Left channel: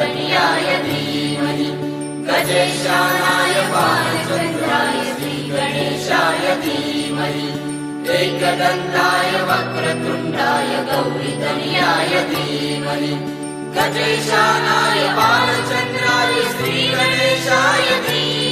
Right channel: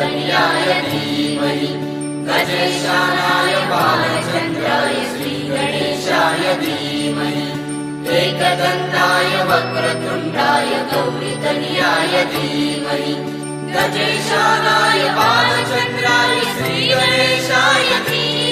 श्रीकन्याय धीमहि गजेशानाय बालचन्द्राय श्रीगणेशाय धीमहि एकदन्ताय वक्रतुण्डाय गौरीतनयाय धीमहि गजेशानाय बालचन्द्राय श्रीगणेशाय धीमहि